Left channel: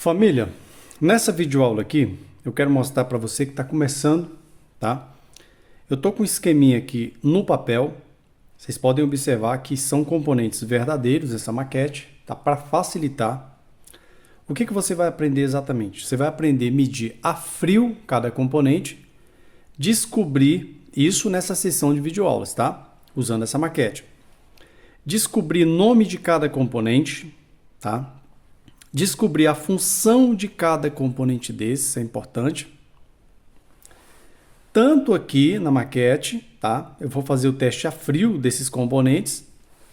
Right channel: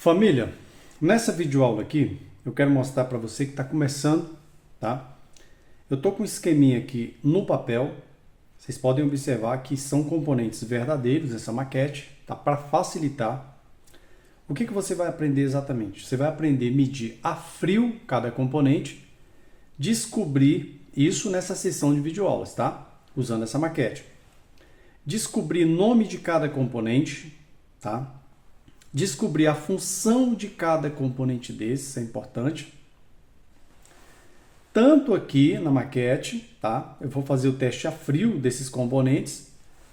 Família, nessa videoaula aqui, eu quero mostrar para você que está começando, tá? Eu estou com um esqueminha aqui no papel. Vocês podem observar que são componentes verdadeiros, essa maquete, tá? Para facilitar. O que você vai aprender exatamente? Você vai aprender a medir a frio cada componente, descobrir isso nessa sessão de videoaulas, tá? Usando essa maquete. Descobrir nome de cada componente, tá? Descobrir a função de cada componente desse, isso é importante. Tanto aqui na maquete, tá? Eu vou fazer o teste a frio desses componentes,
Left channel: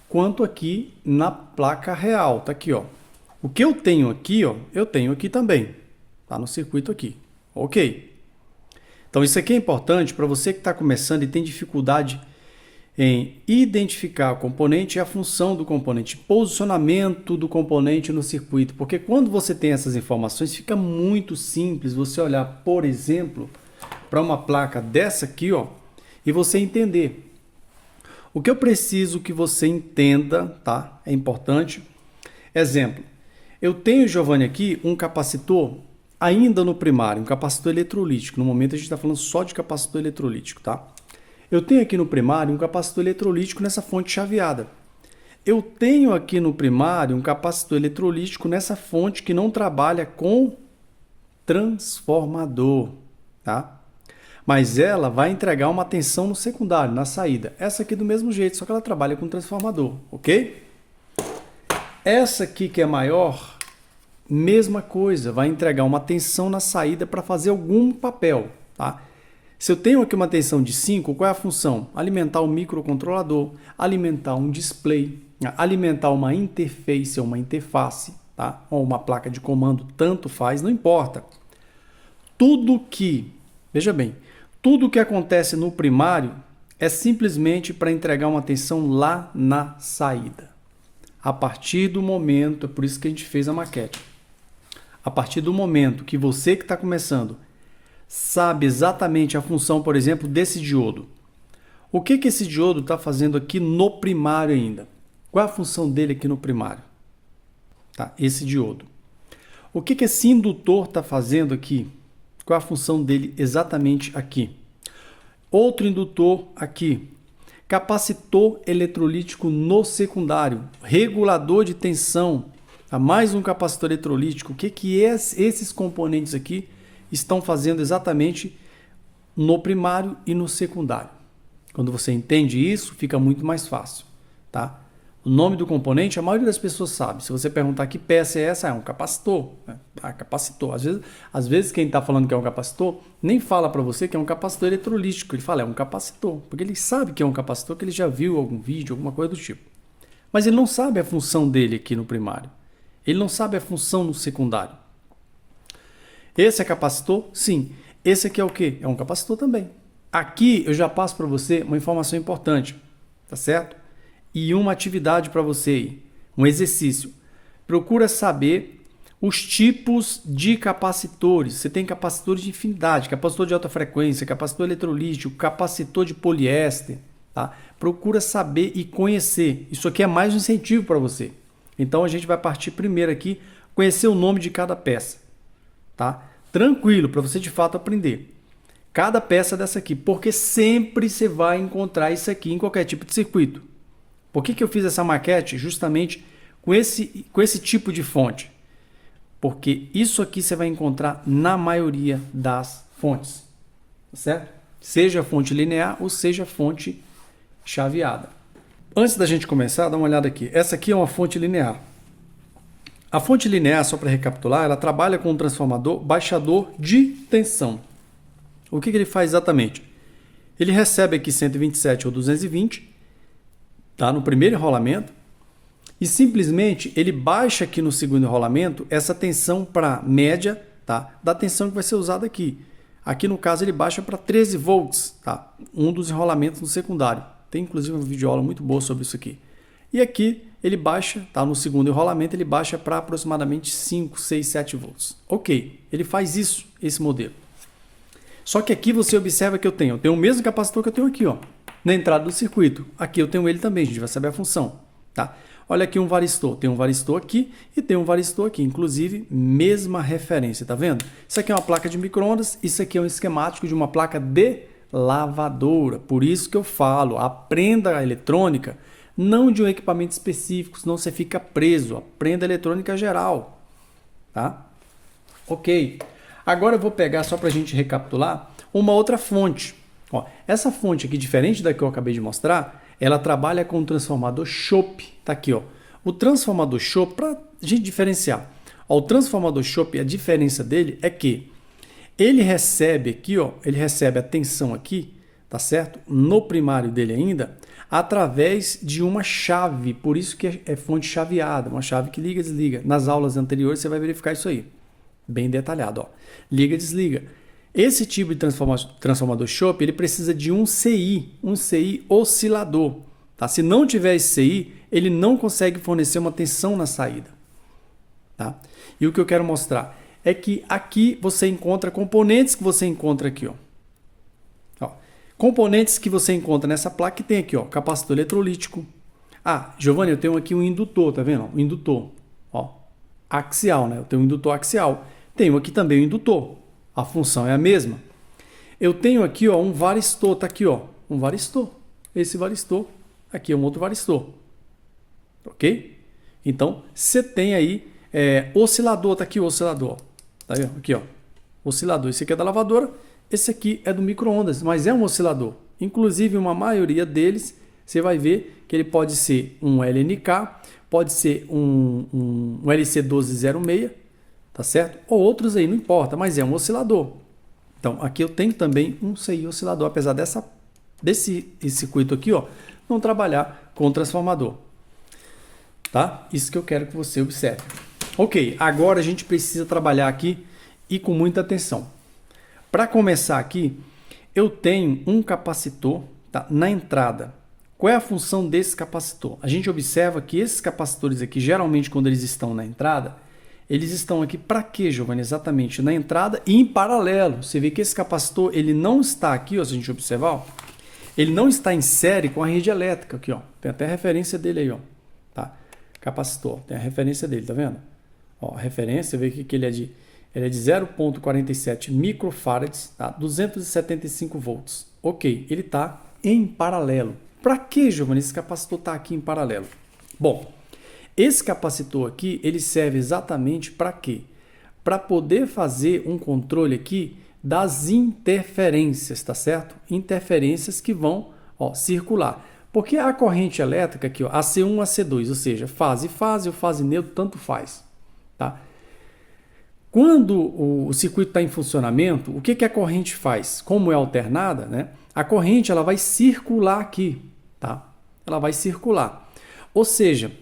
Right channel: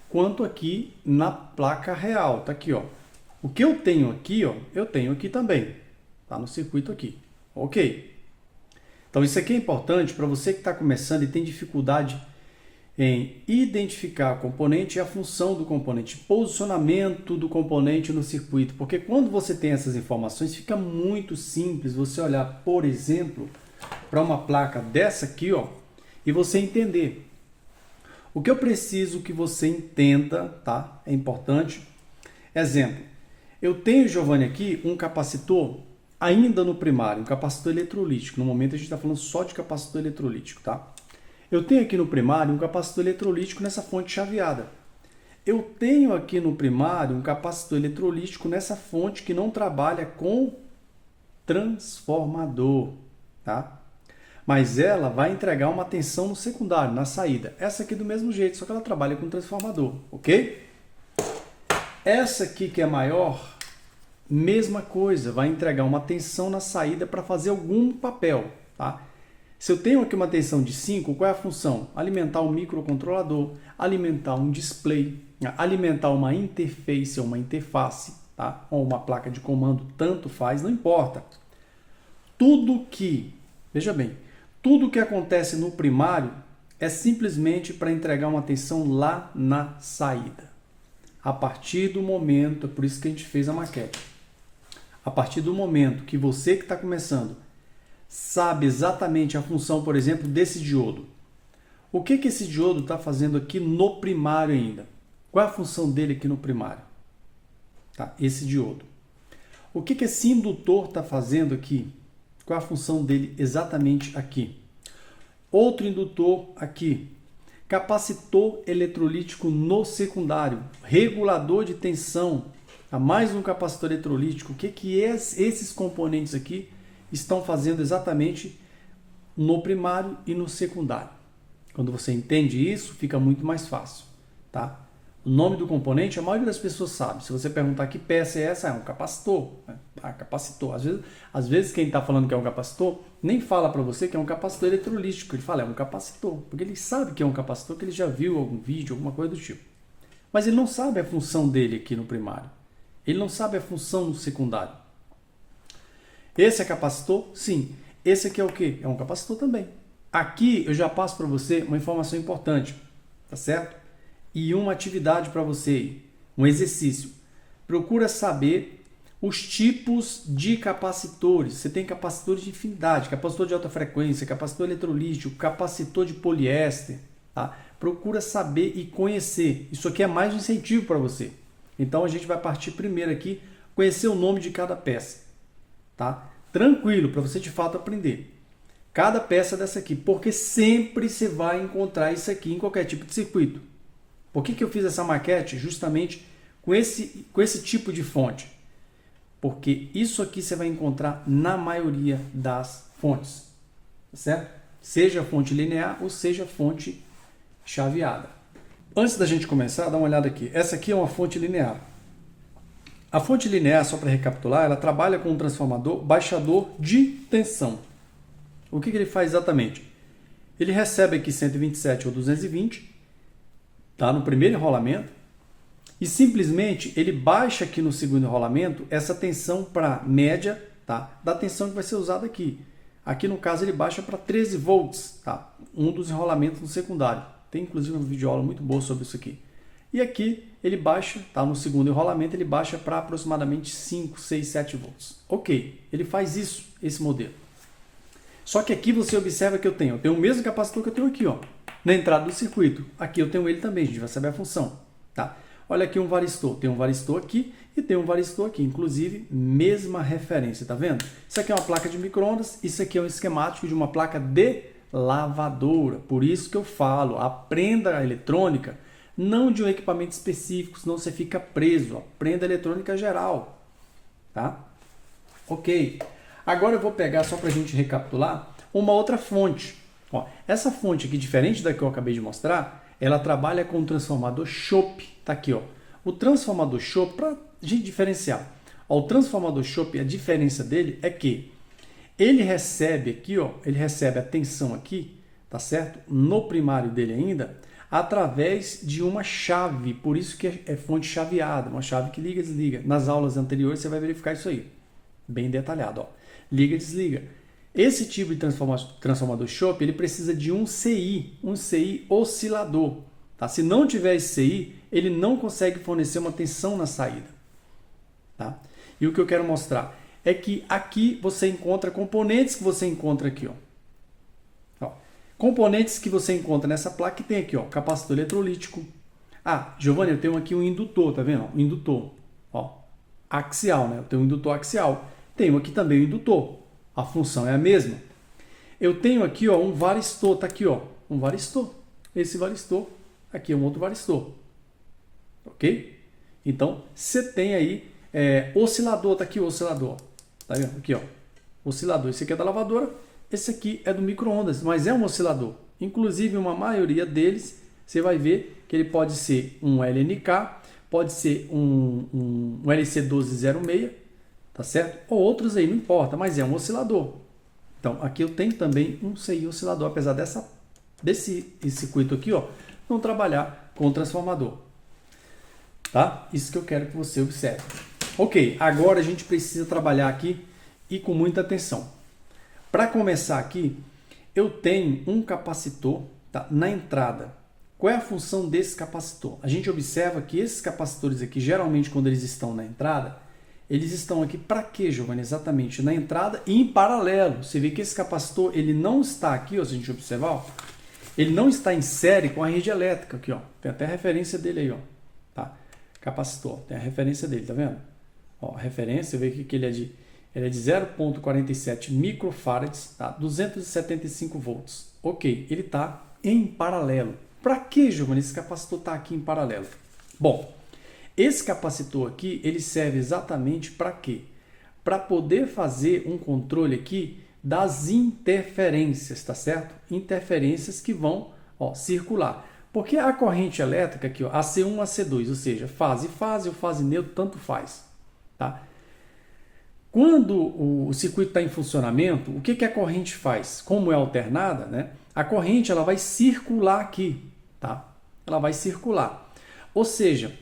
quanto aqui na placa real, tá aqui, ó. O que eu tenho aqui, ó, eu tenho aqui também, tá no circuito aqui, ok? Então isso aqui é importante para você que está começando e tem dificuldade em identificar o componente e a função do componente, posicionamento do componente no circuito, porque quando você tem essas informações, fica muito simples você olhar, por exemplo, para uma placa dessa aqui, ó, e você entender. O que eu preciso que você entenda, tá? É importante. Exemplo, eu tenho, Giovanni, aqui um capacitor ainda no primário, um capacitor eletrolítico. No momento a gente está falando só de capacitor eletrolítico, tá? Eu tenho aqui no primário um capacitor eletrolítico nessa fonte chaveada. Eu tenho aqui no primário um capacitor eletrolítico nessa fonte que não trabalha com transformador, tá? Mas ela vai entregar uma tensão no secundário, na saída. Essa aqui do mesmo jeito, só que ela trabalha com transformador, ok? Essa aqui que é maior, mesma coisa, vai entregar uma tensão na saída para fazer algum papel, tá? Se eu tenho aqui uma tensão de 5, qual é a função? Alimentar um microcontrolador, alimentar um display, alimentar uma interface ou uma interface, tá? Ou uma placa de comando, tanto faz, não importa. Tudo que, veja bem, tudo que acontece no primário é simplesmente para entregar uma tensão lá na saída. A partir do momento, é por isso que a gente fez a maquete. A partir do momento que você que está começando sabe exatamente a função, por exemplo, desse diodo. O que esse diodo está fazendo aqui no primário ainda? Qual é a função dele aqui no primário? Tá, esse diodo. O que esse indutor está fazendo aqui? Qual é a função dele exatamente aqui? Outro indutor aqui. Capacitor eletrolítico no secundário. Regulador de tensão. Tá, mais um capacitor eletrolítico. O que esses componentes aqui estão fazendo exatamente no primário e no secundário. Quando você entende isso, fica muito mais fácil, tá? O nome do componente, a maioria das pessoas sabe. Se você perguntar que peça é essa, é um capacitor. Ah, capacitor. Às vezes quem está falando que é um capacitor, nem fala para você que é um capacitor eletrolítico. Ele fala, é um capacitor. Porque ele sabe que é um capacitor, que ele já viu algum vídeo, alguma coisa do tipo. Mas ele não sabe a função dele aqui no primário. Ele não sabe a função no secundário. Esse é capacitor? Sim. Esse aqui é o quê? É um capacitor também. Aqui eu já passo para você uma informação importante, tá certo? E uma atividade para você, um exercício. Procura saber os tipos de capacitores. Você tem capacitores de infinidade, capacitor de alta frequência, capacitor eletrolítico, capacitor de poliéster, tá? Procura saber e conhecer. Isso aqui é mais um incentivo para você. Então a gente vai partir primeiro aqui, conhecer o nome de cada peça. Tá? Tranquilo, para você de fato aprender. Cada peça dessa aqui, porque sempre você vai encontrar isso aqui em qualquer tipo de circuito. Por que eu fiz essa maquete? Justamente com esse tipo de fonte. Porque isso aqui você vai encontrar na maioria das fontes. Tá certo? Seja fonte linear ou seja fonte chaveada. Antes da gente começar, dá uma olhada aqui. Essa aqui é uma fonte linear. A fonte linear, só para recapitular, ela trabalha com um transformador baixador de tensão. O que ele faz exatamente? Ele recebe aqui 127 ou 220, tá, no primeiro enrolamento, e simplesmente ele baixa aqui no segundo enrolamento essa tensão para média, tá, da tensão que vai ser usada aqui. Aqui no caso ele baixa para 13 volts, tá, um dos enrolamentos no secundário. Tem inclusive uma videoaula muito boa sobre isso aqui. E aqui ele baixa, tá? No segundo enrolamento, ele baixa para aproximadamente 5, 6, 7 volts. Ok, ele faz isso, esse modelo. Só que aqui você observa que eu tenho o mesmo capacitor que eu tenho aqui, ó, na entrada do circuito. Aqui eu tenho ele também, a gente vai saber a função. Tá? Olha aqui um varistor. Tem um varistor aqui e tem um varistor aqui. Inclusive, mesma referência, tá vendo? Isso aqui é uma placa de micro-ondas, isso aqui é um esquemático de uma placa de lavadora. Por isso que eu falo, aprenda a eletrônica, não de um equipamento específico, senão você fica preso. Aprenda a eletrônica geral, tá? Ok. Agora eu vou pegar, só para a gente recapitular, uma outra fonte. Ó, essa fonte aqui, diferente da que eu acabei de mostrar, ela trabalha com o transformador chope. Tá aqui, ó. O transformador chope, para a gente diferenciar. Ó, o transformador chope, a diferença dele é que ele recebe aqui, ó, ele recebe a tensão aqui, tá certo? No primário dele ainda, através de uma chave. Por isso que é fonte chaveada, uma chave que liga e desliga. Nas aulas anteriores você vai verificar isso aí. Bem detalhado, ó. Liga e desliga. Esse tipo de transformador chope, ele precisa de um CI oscilador. Tá? Se não tiver esse CI, ele não consegue fornecer uma tensão na saída. Tá? E o que eu quero mostrar é que aqui você encontra componentes que você encontra aqui. Ó. Componentes que você encontra nessa placa que tem aqui, ó, capacitor eletrolítico. Ah, Giovanni, eu tenho aqui um indutor, tá vendo? Um indutor, ó, axial, né? Eu tenho um indutor axial. Tenho aqui também o indutor. A função é a mesma. Eu tenho aqui, ó, um varistor, tá aqui, ó, um varistor. Esse varistor, aqui é um outro varistor. Ok? Então, você tem aí oscilador, tá aqui o oscilador. Tá vendo? Aqui, ó, oscilador. Esse aqui é da lavadora, esse aqui é do micro-ondas, mas é um oscilador. Inclusive, uma maioria deles, você vai ver que ele pode ser um LNK, pode ser um LC1206, tá certo? Ou outros aí, não importa, mas é um oscilador. Então, aqui eu tenho também um CI oscilador, apesar desse circuito aqui, ó, não trabalhar com o transformador. Tá? Isso que eu quero que você observe. Ok, agora a gente precisa trabalhar aqui e com muita atenção. Para começar aqui, eu tenho um capacitor, tá, na entrada. Qual é a função desse capacitor? A gente observa que esses capacitores aqui, geralmente quando eles estão na entrada, eles estão aqui para quê, Giovanni? Exatamente na entrada e em paralelo. Você vê que esse capacitor ele não está aqui, ó, se a gente observar, ó, ele não está em série com a rede elétrica aqui, ó. Tem até a referência dele aí, ó. Tá? Capacitor, tem a referência dele, tá vendo? Ó, a referência, você vê que ele é de 0,47 microfarads, tá? 275 volts. Ok, ele está em paralelo. Para que, Giovanni, esse capacitor está aqui em paralelo? Bom, esse capacitor aqui, ele serve exatamente para quê? Para poder fazer um controle aqui das interferências, tá certo? Interferências que vão, ó, circular. Porque a corrente elétrica aqui, ó, AC1, AC2, ou seja, fase ou fase neutro, tanto faz. Tá? Quando o circuito está em funcionamento, o que a corrente faz? Como é alternada, né? A corrente ela vai circular aqui. Tá? Ela vai circular. Ou seja,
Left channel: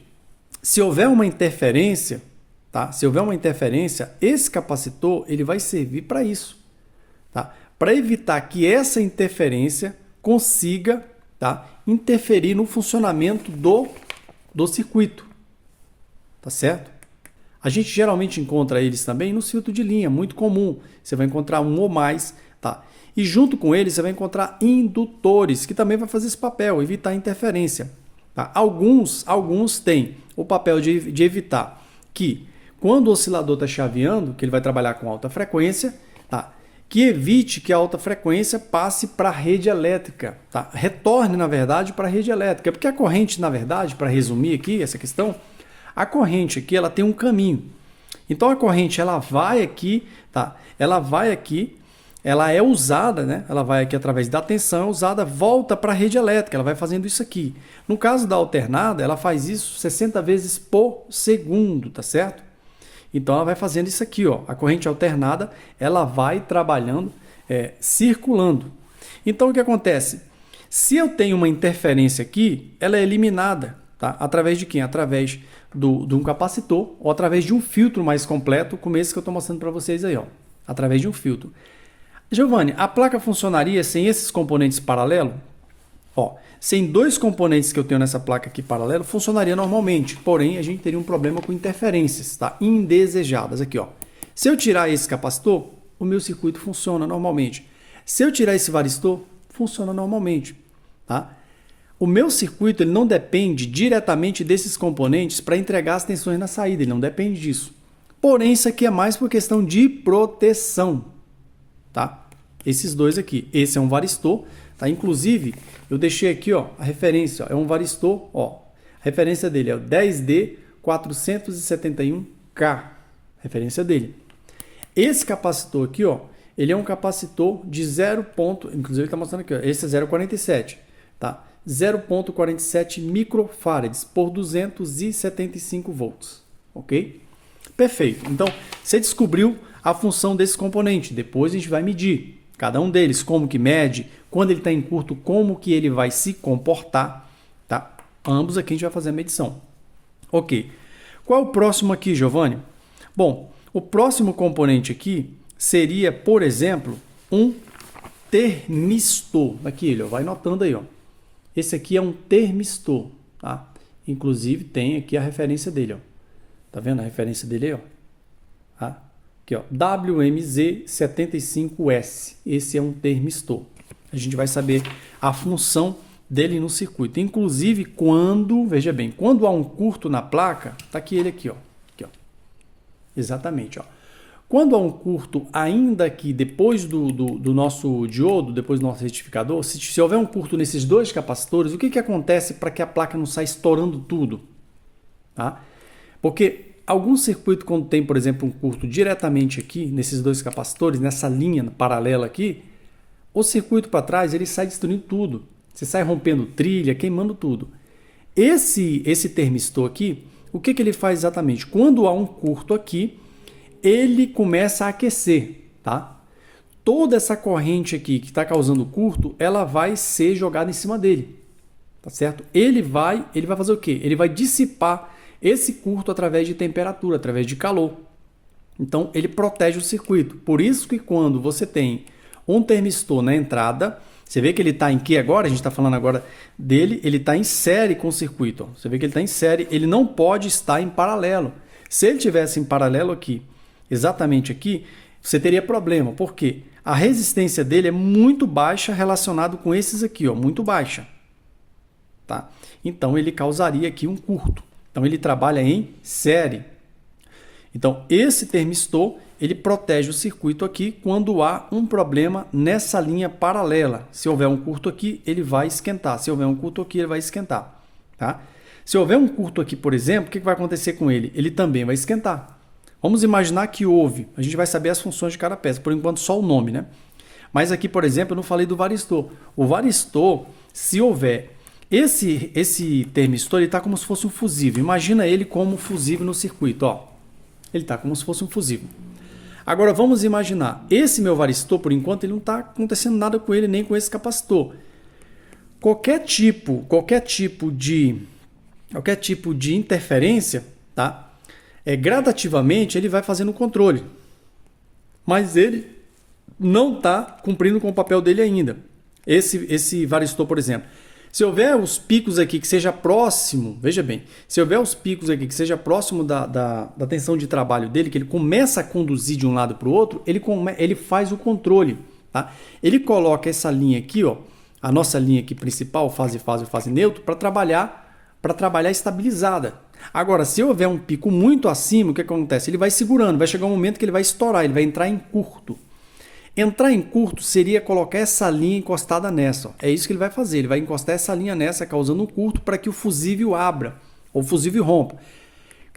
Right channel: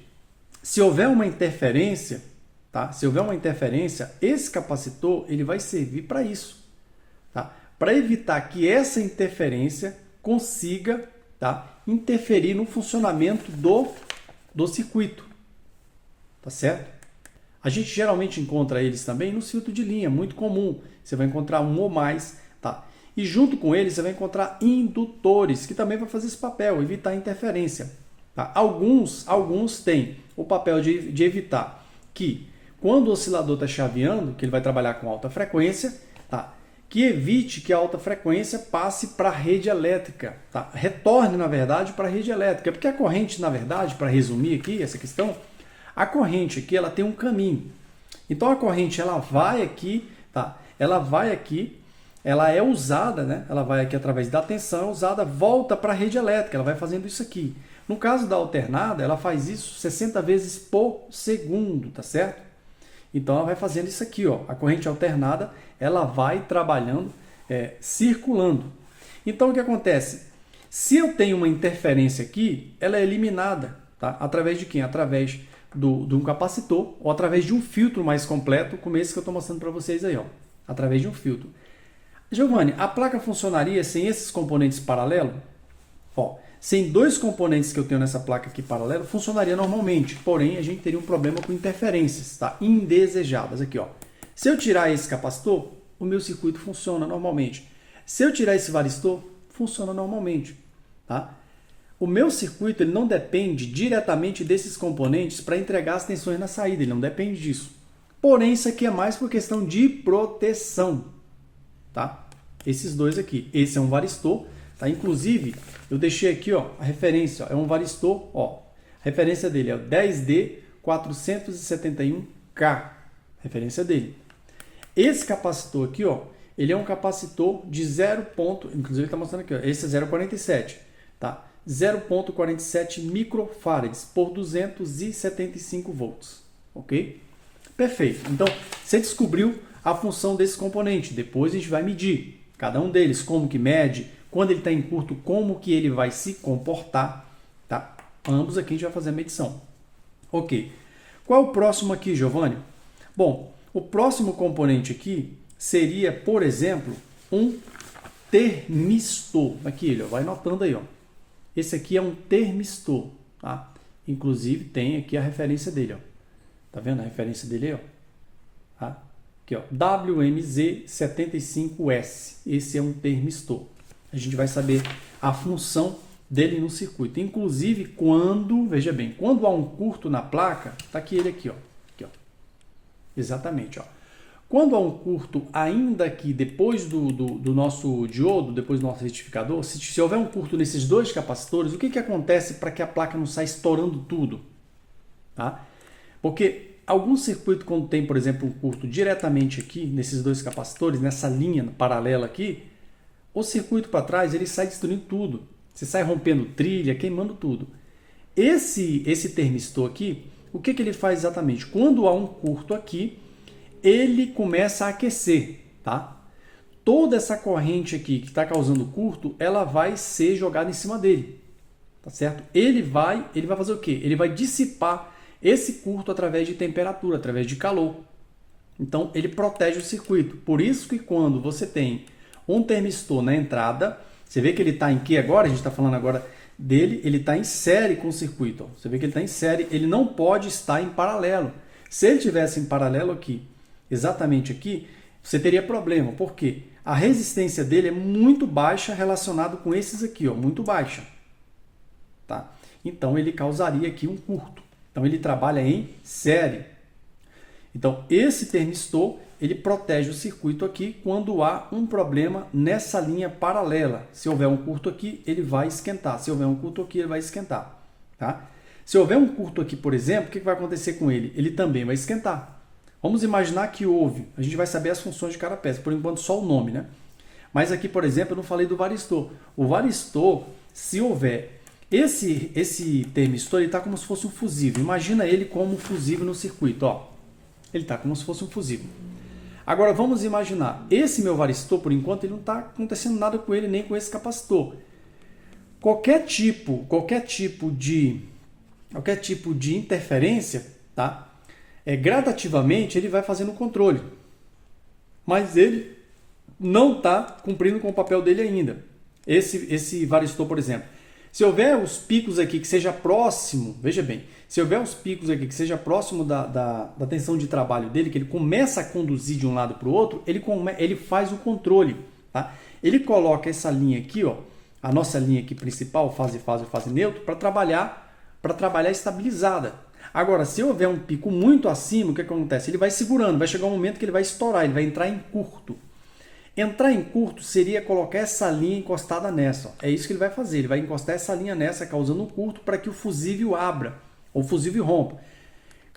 se houver uma interferência, tá? Se houver uma interferência, esse capacitor ele vai servir para isso. Tá? Para evitar que essa interferência consiga, tá, interferir no funcionamento do circuito. Tá certo? A gente geralmente encontra eles também no filtro de linha, muito comum. Você vai encontrar um ou mais. Tá? E junto com eles você vai encontrar indutores, que também vai fazer esse papel, evitar interferência. Tá? Alguns têm o papel de evitar que, quando o oscilador está chaveando, que ele vai trabalhar com alta frequência, tá? Que evite que a alta frequência passe para a rede elétrica, tá? Retorne, na verdade, para a rede elétrica. Porque a corrente, na verdade, para resumir aqui essa questão, a corrente aqui ela tem um caminho. Então a corrente ela vai aqui, tá? Ela vai aqui, ela é usada, né? Ela vai aqui através da tensão, é usada, volta para a rede elétrica, ela vai fazendo isso aqui. No caso da alternada, ela faz isso 60 vezes por segundo, tá certo? Então ela vai fazendo isso aqui, ó. A corrente alternada, ela vai trabalhando, circulando. Então o que acontece? Se eu tenho uma interferência aqui, ela é eliminada, tá? Através de quem? Através de um capacitor ou através de um filtro mais completo, como esse que eu estou mostrando para vocês aí, ó. Através de um filtro. Giovanni, a placa funcionaria sem esses componentes paralelos? Ó, sem dois componentes que eu tenho nessa placa aqui paralelo, funcionaria normalmente. Porém, a gente teria um problema com interferências, tá? Indesejadas. Aqui, ó. Se eu tirar esse capacitor, o meu circuito funciona normalmente. Se eu tirar esse varistor, funciona normalmente, tá? O meu circuito ele não depende diretamente desses componentes para entregar as tensões na saída, ele não depende disso. Porém, isso aqui é mais por questão de proteção, tá? Esses dois aqui. Esse é um varistor, tá? Inclusive, eu deixei aqui, ó, a referência, ó, é um varistor, ó. A referência dele é o 10D471K, referência dele. Esse capacitor aqui, ó, ele é um capacitor de 0. Inclusive está mostrando aqui, ó, esse é 0,47, tá? 0,47 microfarads por 275 volts, ok? Perfeito. Então, você descobriu a função desse componente. Depois a gente vai medir cada um deles, como que mede, quando ele está em curto, como que ele vai se comportar, tá? Ambos aqui a gente vai fazer a medição. Ok. Qual é o próximo aqui, Giovanni? Bom, o próximo componente aqui seria, por exemplo, um termistor. Aqui ele, ó, vai notando aí, ó. Esse aqui é um termistor, tá? Inclusive tem aqui a referência dele, ó. Tá vendo a referência dele aí, ó? Tá? Aqui, ó, WMZ75S. Esse é um termistor. A gente vai saber a função dele no circuito. Inclusive, quando, veja bem, quando há um curto na placa, tá aqui ele aqui, ó. Aqui, ó. Exatamente, ó. Quando há um curto, ainda que depois do nosso diodo, depois do nosso retificador, se houver um curto nesses dois capacitores, o que acontece para que a placa não saia estourando tudo? Tá? Porque algum circuito, quando tem, por exemplo, um curto diretamente aqui, nesses dois capacitores, nessa linha paralela aqui, o circuito para trás ele sai destruindo tudo. Você sai rompendo trilha, queimando tudo. Esse termistor aqui, o que ele faz exatamente? Quando há um curto aqui, ele começa a aquecer, tá? Toda essa corrente aqui que está causando curto, ela vai ser jogada em cima dele, tá certo? Ele vai fazer o quê? Ele vai dissipar esse curto através de temperatura, através de calor. Então, ele protege o circuito. Por isso que quando você tem um termistor na entrada, você vê que ele está em que agora? A gente está falando agora dele, ele está em série com o circuito. Ó. Você vê que ele está em série, ele não pode estar em paralelo. Se ele tivesse em paralelo aqui, exatamente aqui, você teria problema. Por quê? A resistência dele é muito baixa relacionado com esses aqui, ó, muito baixa. Tá? Então, ele causaria aqui um curto. Então, ele trabalha em série. Então, esse termistor, ele protege o circuito aqui quando há um problema nessa linha paralela. Se houver um curto aqui, ele vai esquentar. Se houver um curto aqui, ele vai esquentar. Tá? Se houver um curto aqui, por exemplo, o que vai acontecer com ele? Ele também vai esquentar. Vamos imaginar que houve. A gente vai saber as funções de cada peça. Por enquanto, só o nome, né? Mas aqui, por exemplo, eu não falei do varistor. O varistor, se houver esse termistor, ele está como se fosse um fusível. Imagina ele como um fusível no circuito. Ó. Ele está como se fosse um fusível. Agora, vamos imaginar. Esse meu varistor, por enquanto, ele não está acontecendo nada com ele, nem com esse capacitor. Qualquer tipo de interferência, tá? Gradativamente, ele vai fazendo o controle. Mas ele não está cumprindo com o papel dele ainda. Esse varistor, por exemplo. Se houver os picos aqui que seja próximo, veja bem, se houver os picos aqui que seja próximo da tensão de trabalho dele, que ele começa a conduzir de um lado para o outro, ele faz o controle. Tá? Ele coloca essa linha aqui, ó, a nossa linha aqui principal, fase neutro, para trabalhar estabilizada. Agora, se houver um pico muito acima, o que acontece? Ele vai segurando, vai chegar um momento que ele vai estourar, ele vai entrar em curto. Entrar em curto seria colocar essa linha encostada nessa. Ó. É isso que ele vai fazer. Ele vai encostar essa linha nessa, causando um curto para que o fusível abra, ou o fusível rompa.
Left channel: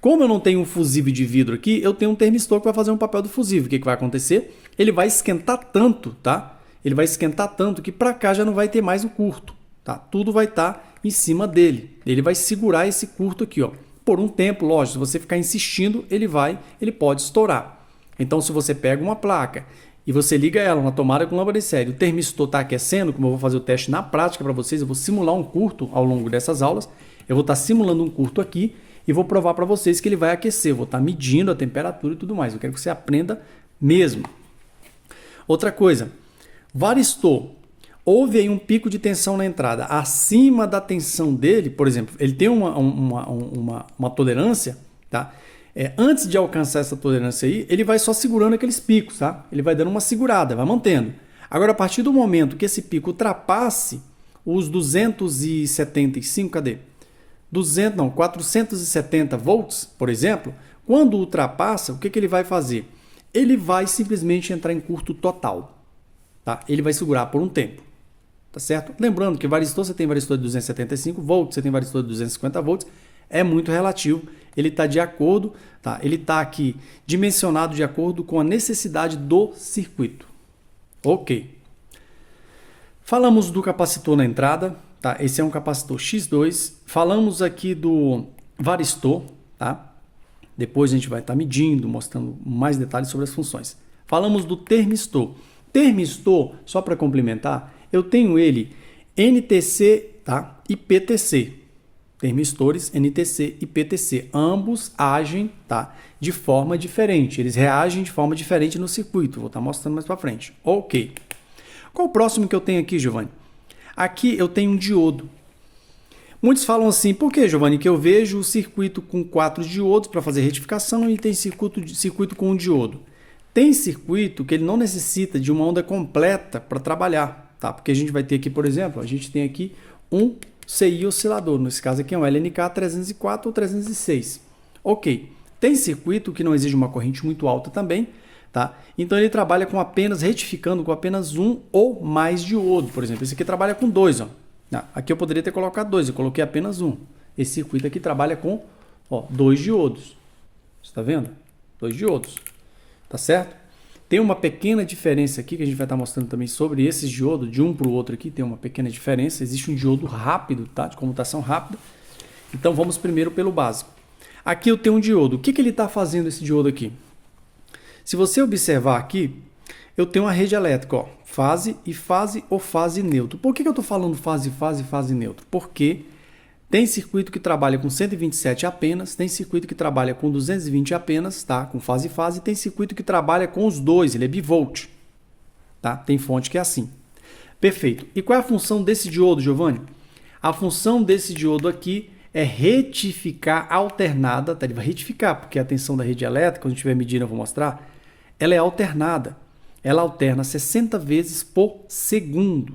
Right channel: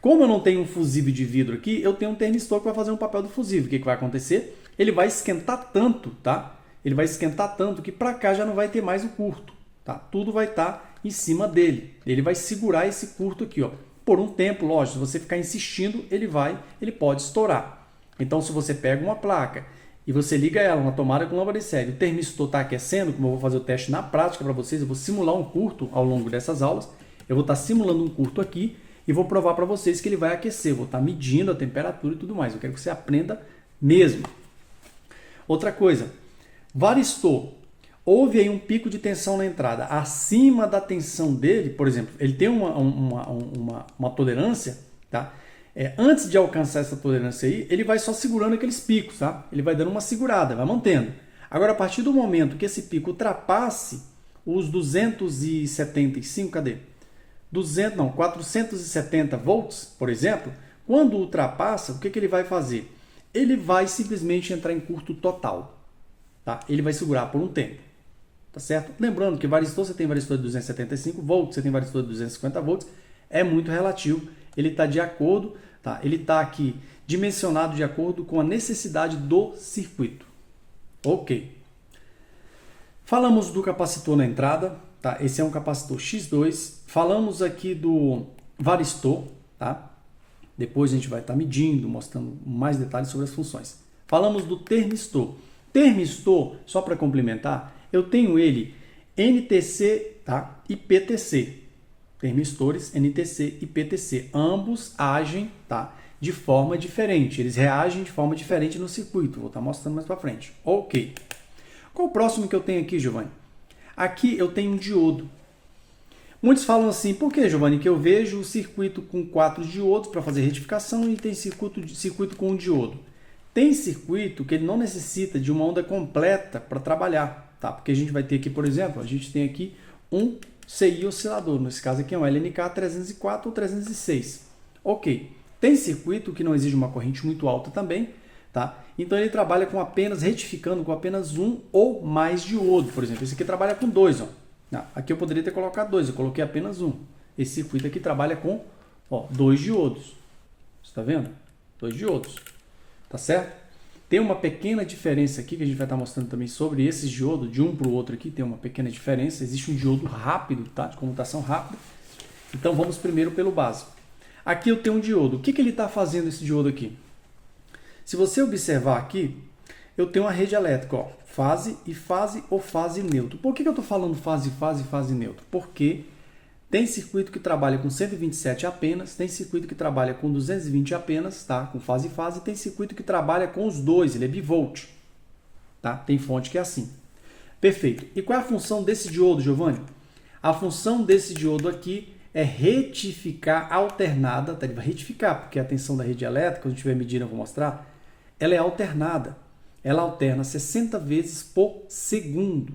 Como eu não tenho um fusível de vidro aqui, eu tenho um termistor que vai fazer um papel do fusível. O que vai acontecer? Ele vai esquentar tanto, tá? Ele vai esquentar tanto que para cá já não vai ter mais o curto. Tá? Tudo vai estar em cima dele. Ele vai segurar esse curto aqui, ó. Por um tempo, lógico, se você ficar insistindo, ele pode estourar. Então, se você pega uma placa e você liga ela na tomada com lâmpada de série, o termistor está aquecendo, como eu vou fazer o teste na prática para vocês, eu vou simular um curto ao longo dessas aulas, eu vou estar simulando um curto aqui e vou provar para vocês que ele vai aquecer, eu vou estar medindo a temperatura e tudo mais, eu quero que você aprenda mesmo. Outra coisa, varistor, houve aí um pico de tensão na entrada, acima da tensão dele, por exemplo, ele tem uma tolerância, tá? Antes de alcançar essa tolerância aí, ele vai só segurando aqueles picos, tá? Ele vai dando uma segurada, vai mantendo. Agora, a partir do momento que esse pico ultrapasse os 275, cadê? 470 volts, por exemplo, quando ultrapassa, o que ele vai fazer? Ele vai simplesmente entrar em curto total. Tá? Ele vai segurar por um tempo. Tá certo? Lembrando que varistor, você tem varistor de 275 volts, você tem varistor de 250 volts, é muito relativo. Ele está de acordo, tá? Ele está aqui dimensionado de acordo com a necessidade do circuito. Ok. Falamos do capacitor na entrada, tá? Esse é um capacitor X2. Falamos aqui do varistor, tá? Depois a gente vai estar medindo, mostrando mais detalhes sobre as funções. Falamos do termistor. Termistor, só para complementar, eu tenho ele NTC, tá? E PTC. Termistores NTC e PTC. Ambos agem, tá? De forma diferente. Eles reagem de forma diferente no circuito. Vou estar mostrando mais para frente. Ok. Qual o próximo que eu tenho aqui, Giovanni? Aqui eu tenho um diodo. Muitos falam assim, por que, Giovanni, que eu vejo o circuito com 4 diodos para fazer retificação e tem circuito com um diodo? Tem circuito que ele não necessita de uma onda completa para trabalhar, tá? Porque a gente vai ter aqui, por exemplo, a gente tem aqui um CI oscilador, nesse caso aqui é um LNK 304 ou 306. Ok, tem circuito que não exige uma corrente muito alta também, tá? Então ele trabalha com apenas, retificando com apenas um ou mais diodo, por exemplo. Esse aqui trabalha com 2, ó. Aqui eu poderia ter colocado 2, eu coloquei apenas um. Esse circuito aqui trabalha com 2 diodos. Você está vendo? 2 diodos. Tá certo? Tem uma pequena diferença aqui que a gente vai estar mostrando também sobre esses diodos, de um para o outro aqui, tem uma pequena diferença. Existe um diodo rápido, tá? De comutação rápida. Então vamos primeiro pelo básico. Aqui eu tenho um diodo. O que ele está fazendo esse diodo aqui? Se você observar aqui, eu tenho uma rede elétrica, ó, fase e fase ou fase neutro. Por que eu estou falando fase, fase e fase neutro? Porque tem circuito que trabalha com 127 apenas, tem circuito que trabalha com 220 apenas, tá? Com fase e fase, e tem circuito que trabalha com os dois, ele é bivolt, tá? Tem fonte que é assim. Perfeito. E qual é a função desse diodo, Giovanni? A função desse diodo aqui é retificar alternada, tá? Ele vai retificar, porque a tensão da rede elétrica, quando estiver medindo eu vou mostrar, ela é alternada. Ela alterna 60 vezes por segundo,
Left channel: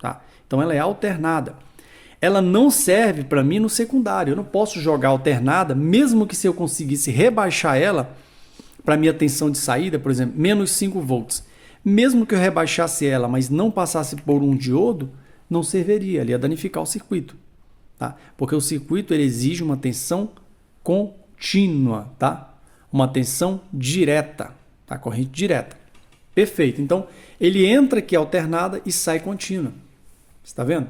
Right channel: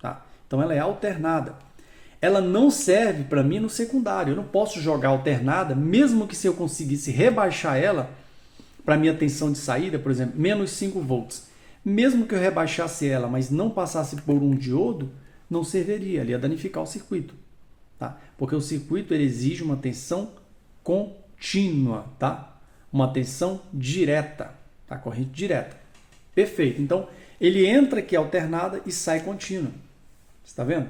tá? Então ela é alternada. Ela não serve para mim no secundário. Eu não posso jogar alternada, mesmo que se eu conseguisse rebaixar ela para minha tensão de saída, por exemplo, menos 5 volts. Mesmo que eu rebaixasse ela, mas não passasse por um diodo, não serviria, ele ia danificar o circuito, tá? Porque o circuito ele exige uma tensão contínua, tá? Uma tensão direta, tá? Corrente direta. Perfeito. Então, ele entra aqui alternada e sai contínua. Está vendo?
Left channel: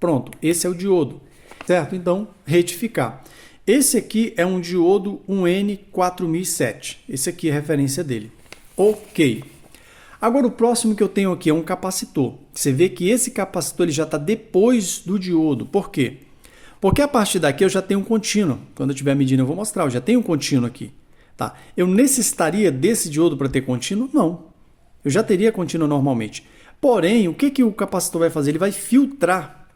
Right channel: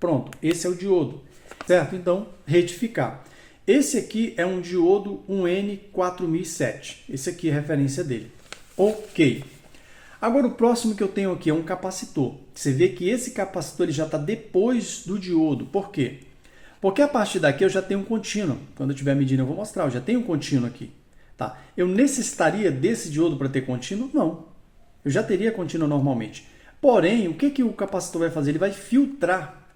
Pronto, esse é o diodo, certo? Então, retificar. Esse aqui é um diodo 1N4007. Esse aqui é a referência dele. Ok. Agora, o próximo que eu tenho aqui é um capacitor. Você vê que esse capacitor ele já está depois do diodo. Por quê? Porque a partir daqui eu já tenho um contínuo. Quando eu estiver medindo eu vou mostrar. Eu já tenho um contínuo aqui. Tá? Eu necessitaria desse diodo para ter contínuo? Não. Eu já teria contínuo normalmente. Porém, o que o capacitor vai fazer? Ele vai filtrar.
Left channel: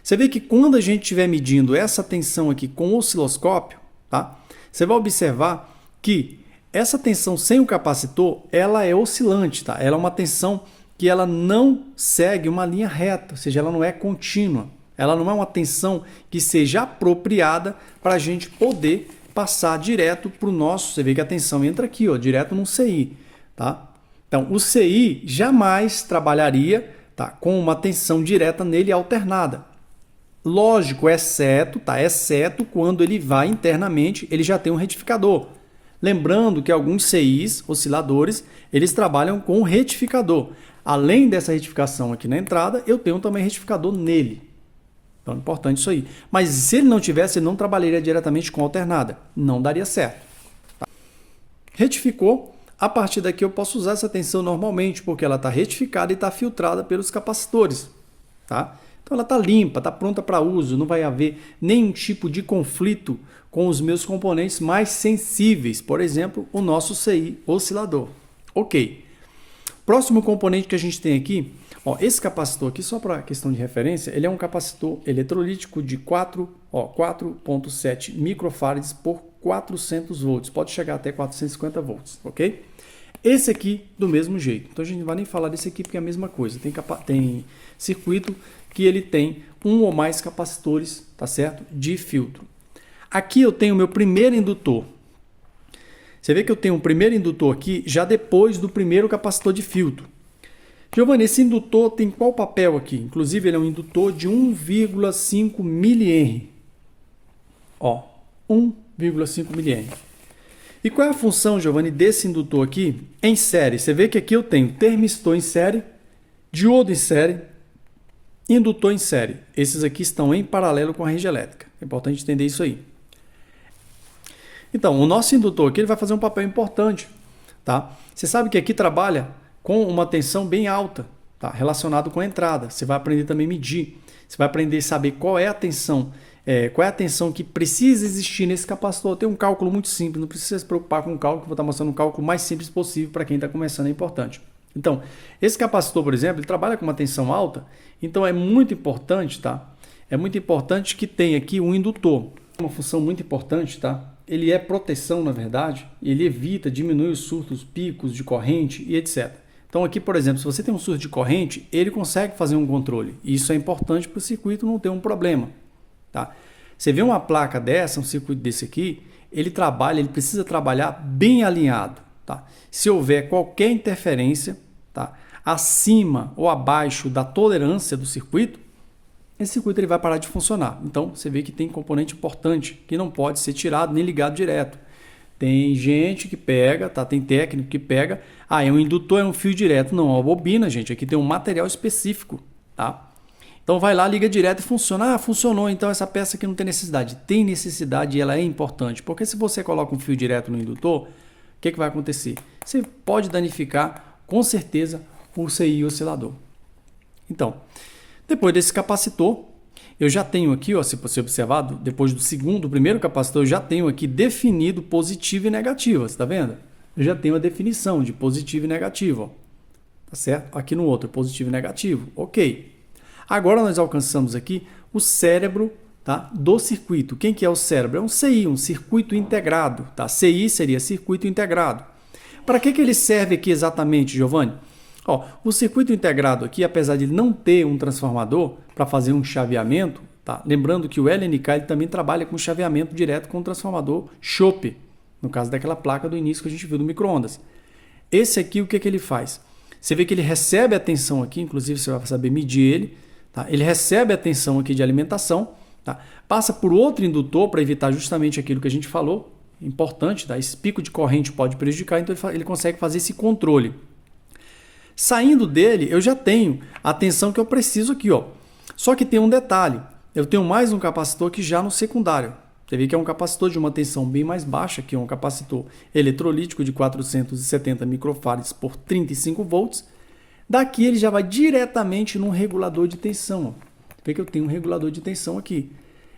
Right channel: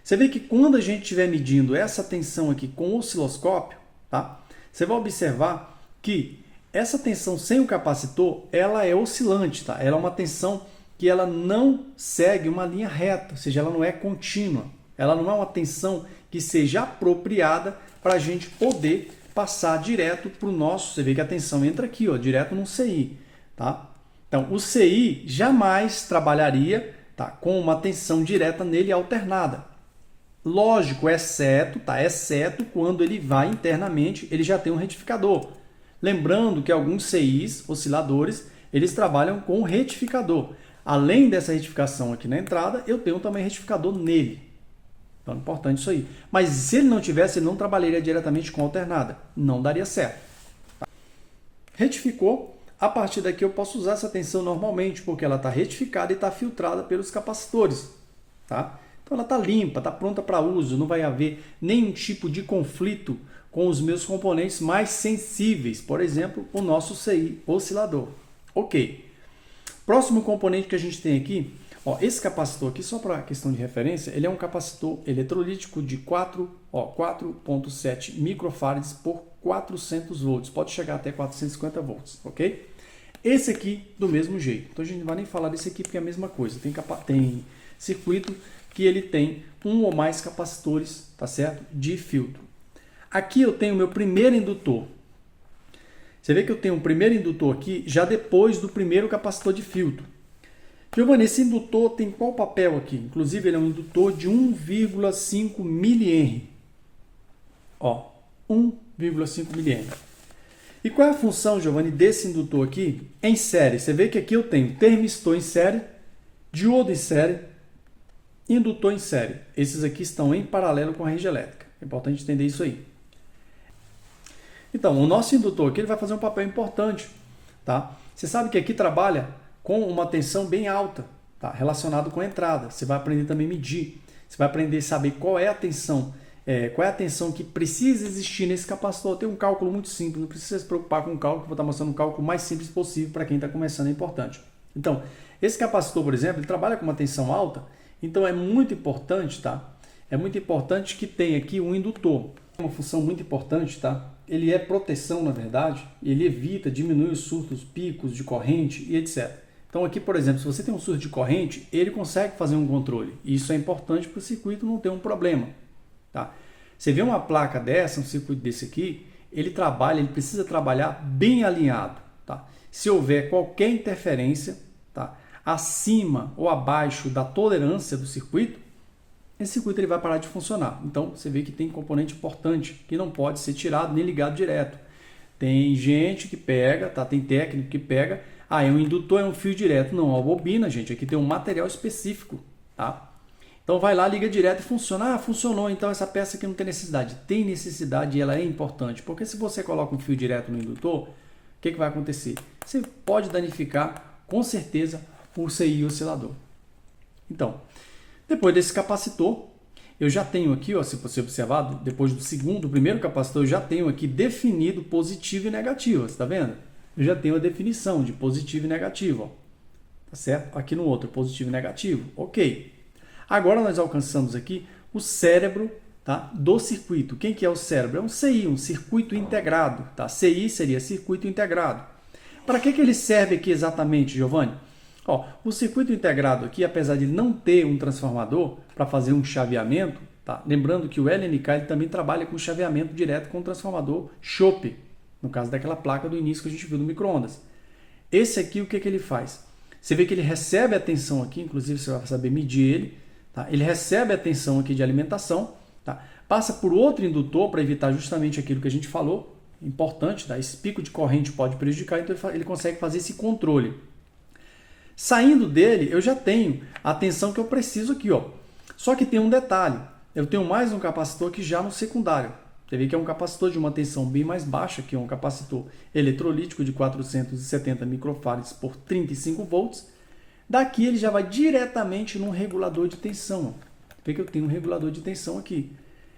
Você vê que quando a gente estiver medindo essa tensão aqui com o osciloscópio, tá? Você vai observar que essa tensão sem o capacitor, ela é oscilante, tá? Ela é uma tensão que ela não segue uma linha reta, ou seja, ela não é contínua. Ela não é uma tensão que seja apropriada para a gente poder passar direto para o nosso... Você vê que a tensão entra aqui, ó, direto no CI, tá? Então, o CI jamais trabalharia, tá, com uma tensão direta nele alternada. Lógico, exceto quando ele vai internamente, ele já tem um retificador. Lembrando que alguns CIs, osciladores, eles trabalham com retificador. Além dessa retificação aqui na entrada, eu tenho também retificador nele. Então é importante isso aí. Mas se ele não tivesse, ele não trabalharia diretamente com alternada. Não daria certo. Retificou. A partir daqui eu posso usar essa tensão normalmente, porque ela está retificada e está filtrada pelos capacitores. Tá? Então ela está limpa, está pronta para uso, não vai haver nenhum tipo de conflito com os meus componentes mais sensíveis, por exemplo, o nosso CI oscilador. Ok. Próximo componente que a gente tem aqui, ó, esse capacitor aqui, só para questão de referência, ele é um capacitor eletrolítico de 4,7 microfarads por 400 volts, pode chegar até 450 volts, ok? Esse aqui do mesmo jeito, então a gente não vai nem falar desse aqui porque é a mesma coisa, tem circuito que ele tem um ou mais capacitores, tá certo? De filtro. Aqui eu tenho o meu primeiro indutor. Você vê que eu tenho um primeiro indutor aqui já depois do primeiro capacitor de filtro. Giovanni, esse indutor tem qual papel aqui? Inclusive, ele é um indutor de 1,5 mH. Ó, 1,5 mH. E qual é a função, Giovanni, desse indutor aqui em série? Você vê que aqui eu tenho termistor em série, diodo em série, indutor em série. Esses aqui estão em paralelo com a rede elétrica. É importante entender isso aí. Então, o nosso indutor aqui ele vai fazer um papel importante. Tá? Você sabe que aqui trabalha com uma tensão bem alta, tá? Relacionado com a entrada. Você vai aprender também a medir. Você vai aprender a saber qual é a tensão, que precisa existir nesse capacitor. Tem um cálculo muito simples, não precisa se preocupar com o cálculo, vou estar mostrando um cálculo mais simples possível para quem está começando, é importante. Então, esse capacitor, por exemplo, ele trabalha com uma tensão alta, então é muito importante, tá? É muito importante que tenha aqui um indutor. Uma função muito importante, tá? Ele é proteção, na verdade, ele evita, diminui os surtos, picos de corrente e etc. Então aqui, por exemplo, se você tem um surto de corrente, ele consegue fazer um controle. E isso é importante para o circuito não ter um problema. Tá? Você vê uma placa dessa, um circuito desse aqui, ele precisa trabalhar bem alinhado. Tá? Se houver qualquer interferência, tá? Acima ou abaixo da tolerância do circuito, esse circuito ele vai parar de funcionar. Então, você vê que tem componente importante que não pode ser tirado nem ligado direto. Tem gente que pega, tá? Tem técnico que pega, é um indutor, é um fio direto. Não, é uma bobina, gente. Aqui tem um material específico, tá? Então, vai lá, liga direto e funciona. Funcionou, então essa peça aqui não tem necessidade. Tem necessidade e ela é importante. Porque se você coloca um fio direto no indutor, o que vai acontecer? Você pode danificar, com certeza, o CI oscilador. Então, depois desse capacitor, eu já tenho aqui, ó, se você observar, depois do primeiro capacitor, eu já tenho aqui definido positivo e negativo, você está vendo? Eu já tenho a definição de positivo e negativo, ó, tá certo? Aqui no outro, positivo e negativo, ok. Agora nós alcançamos aqui o cérebro, tá, do circuito. Quem que é o cérebro? É um CI, um circuito integrado, tá? CI seria circuito integrado. Para que ele serve aqui exatamente, Giovanni? Ó, o circuito integrado aqui, apesar de não ter um transformador para fazer um chaveamento, tá? Lembrando que o LNK ele também trabalha com chaveamento direto com o transformador chope, no caso daquela placa do início que a gente viu do micro-ondas. Esse aqui, o que ele faz? Você vê que ele recebe a tensão aqui, inclusive você vai saber medir ele, tá? Ele recebe a tensão aqui de alimentação, tá? Passa por outro indutor para evitar justamente aquilo que a gente falou, importante, tá? Esse pico de corrente pode prejudicar, então ele consegue fazer esse controle. Saindo dele, eu já tenho a tensão que eu preciso aqui, ó. Só que tem um detalhe, eu tenho mais um capacitor aqui já no secundário. Você vê que é um capacitor de uma tensão bem mais baixa, que é um capacitor eletrolítico de 470 microfarads por 35 volts. Daqui ele já vai diretamente num regulador de tensão. Vê que eu tenho um regulador de tensão aqui.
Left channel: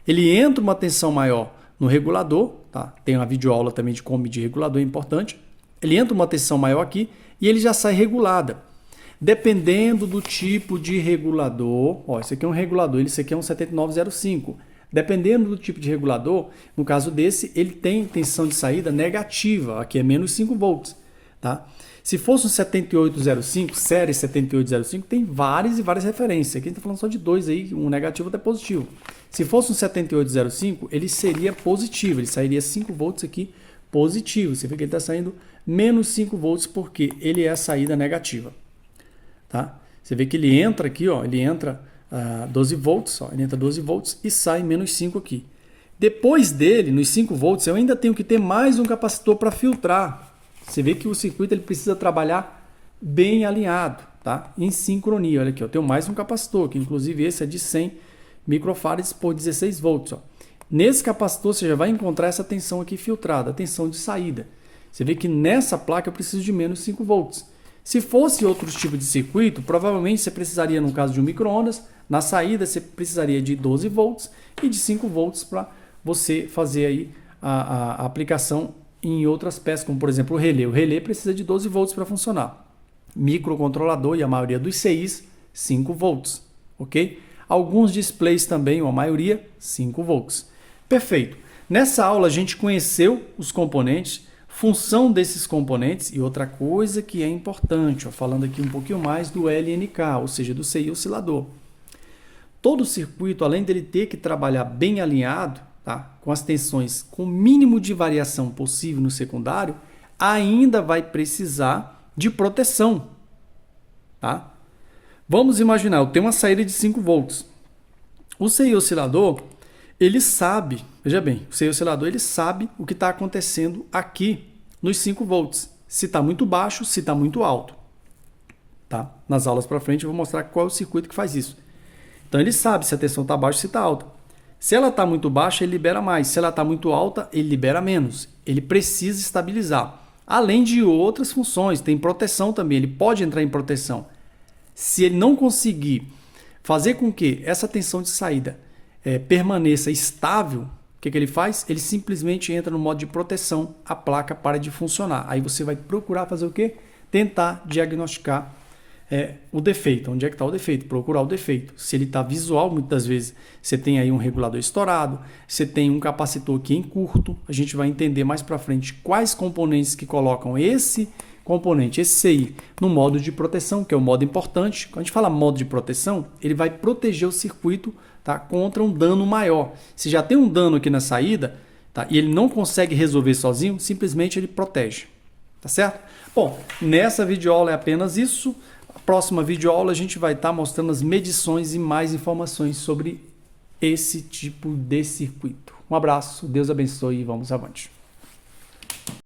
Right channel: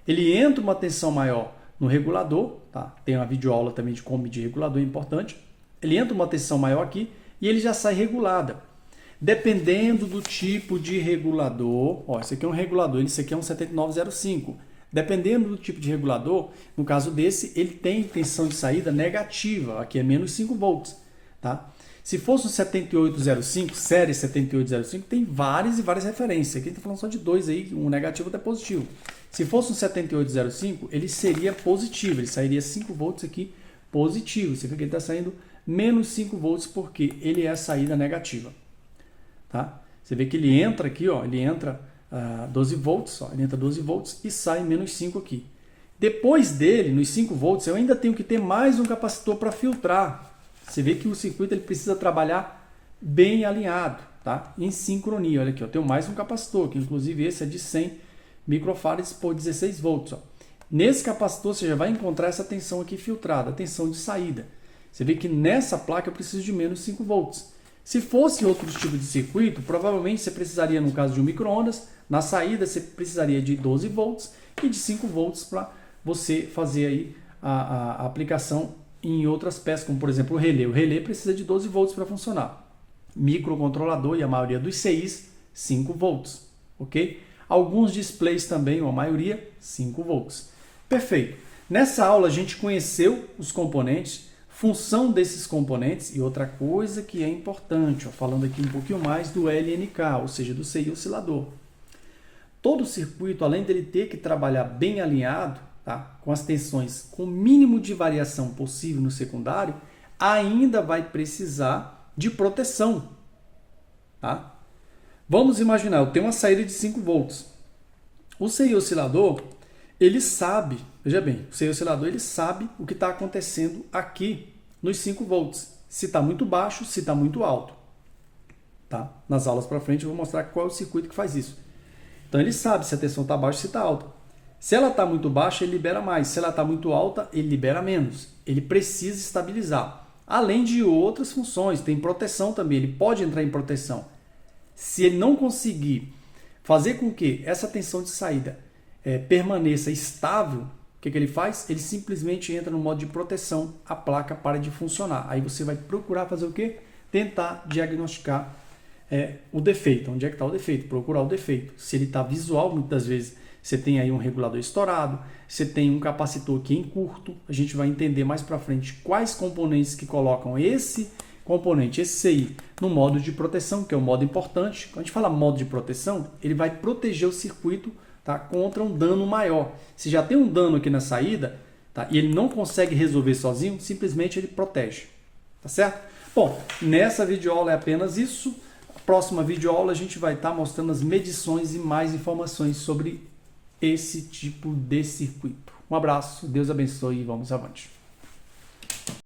Ele entra uma tensão maior no regulador, tá? Tem uma videoaula também de como medir regulador, é importante. Ele entra uma tensão maior aqui e ele já sai regulada. Dependendo do tipo de regulador, ó, esse aqui é um regulador, esse aqui é um 7905. Dependendo do tipo de regulador, no caso desse, ele tem tensão de saída negativa, aqui é menos 5 volts. Tá? Se fosse um 7805, série 7805, tem várias e várias referências. Aqui a gente está falando só de dois aí, um negativo até positivo. Se fosse um 7805, ele seria positivo, ele sairia 5 volts aqui positivo. Você vê que ele está saindo menos 5 volts porque ele é a saída negativa. Tá? Você vê que ele entra aqui, ó, ele entra 12 volts, ó, ele entra 12 volts e sai menos 5 aqui. Depois dele, nos 5 volts, eu ainda tenho que ter mais um capacitor para filtrar. Você vê que o circuito ele precisa trabalhar bem alinhado, tá? Em sincronia. Olha aqui, eu tenho mais um capacitor, que inclusive esse é de 100 microfarads por 16 volts. Ó. Nesse capacitor você já vai encontrar essa tensão aqui filtrada, a tensão de saída. Você vê que nessa placa eu preciso de menos 5 volts. Se fosse outro tipo de circuito, provavelmente você precisaria, no caso de um micro-ondas, na saída você precisaria de 12 volts e de 5 volts para você fazer aí a aplicação em outras peças, como por exemplo o relé. O relé precisa de 12 volts para funcionar. Microcontrolador e a maioria dos CIs, 5 volts. Ok? Alguns displays também, ou a maioria, 5 volts. Perfeito. Nessa aula a gente conheceu os componentes, função desses componentes e outra coisa que é importante, ó, falando aqui um pouquinho mais do LNK, ou seja, do CI oscilador. todo o circuito, além dele ter que trabalhar bem alinhado, tá, com as tensões com o mínimo de variação possível no secundário, ainda vai precisar de proteção. Tá? Vamos imaginar, eu tenho uma saída de 5 volts. O CI oscilador, ele sabe, veja bem, o CI oscilador ele sabe o que está acontecendo aqui nos 5 volts. Se está muito baixo, se está muito alto. Tá? Nas aulas para frente eu vou mostrar qual é o circuito que faz isso. Então ele sabe se a tensão está baixa ou se está alta. Se ela está muito baixa, ele libera mais. Se ela está muito alta, ele libera menos. Ele precisa estabilizar. Além de outras funções, tem proteção também. Ele pode entrar em proteção. Se ele não conseguir fazer com que essa tensão de saída permaneça estável, o que ele faz? Ele simplesmente entra no modo de proteção, a placa para de funcionar. Aí você vai procurar fazer o quê? Tentar diagnosticar o defeito. Onde é que está o defeito? Procurar o defeito. Se ele está visual, muitas vezes você tem aí um regulador estourado, você tem um capacitor aqui em curto. A gente vai entender mais para frente quais componentes que colocam esse componente, esse CI, no modo de proteção, que é o modo importante. Quando a gente fala modo de proteção, ele vai proteger o circuito, tá, contra um dano maior. Se já tem um dano aqui na saída, tá, e ele não consegue resolver sozinho, simplesmente ele protege. Tá certo? Bom, nessa videoaula é apenas isso. Próxima videoaula a gente vai estar mostrando as medições e mais informações sobre esse tipo de circuito. Um abraço, Deus abençoe e vamos avante.